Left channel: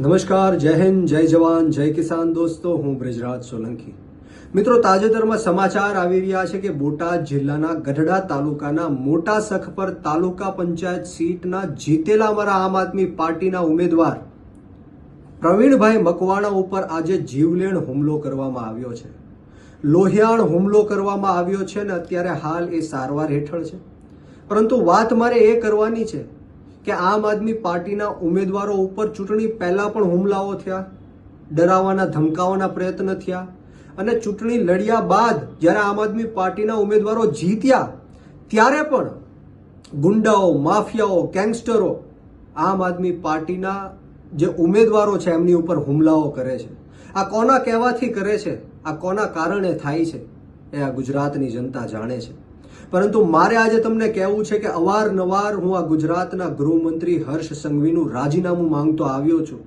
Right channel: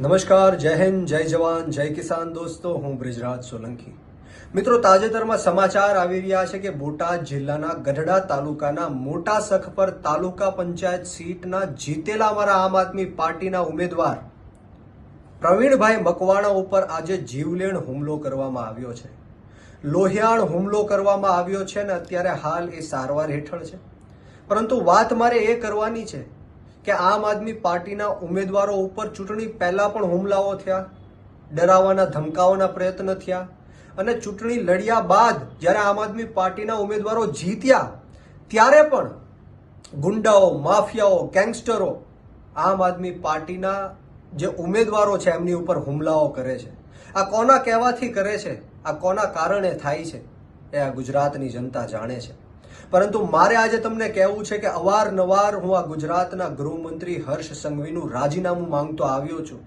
નમસ્કાર, જય હિન્દ, જય જવાન, જય કિસાન દોસ્તો. હું બ્રિજરાજ સોલંકી. મિત્રો, તાજેતરમાં સમાચાર આવી રહ્યા છે કે બોટાદ જિલ્લાના ગઢડા તાલુકાના મોટા સખપર તાલુકા પંચાયત સીટના જીતેલા અમારા આમ આદમી પાર્ટીના ઉમેદવાર પ્રવીણભાઈ મકવાણા ઉપર આજે જીવલેણ હુમલો કરવામાં આવ્યો છે. લોહિયાણ હુમલો કરવામાં આવ્યો છે ને અત્યારે હાલ એ સારવાર હેઠળ છે. પરંતુ વાત મારે એ કરવાની છે કે આમ આદમી પાર્ટીના ઉમેદવારો ઉપર ચૂંટણી પહેલા પણ હુમલાઓ થયા, ડરાવવાના ધમકાવવાના પ્રયત્ન થયા અને ચૂંટણી લડ્યા બાદ જ્યારે આમ આદમી પાર્ટીના ઉમેદવારો જીત્યા ત્યારે પણ ગુંડાઓ, માફિયાઓ, ગેંગસ્ટરો આમ આદમી પાર્ટીના જે ઉમેદવારો છે એમની ઉપર હુમલાઓ કરે છે. આ કોના કહેવાથી કરે છે, આ કોના કારણે થાય છે એ આ ગુજરાતની જનતા જાણે છે. પરંતુ મારે આજે તમને કહેવું છે કે અવારનવાર હું આ ગુજરાતના ગૃહમંત્રી હર્ષ સંઘવીનું રાજીનામું માંગતો આવ્યો છું.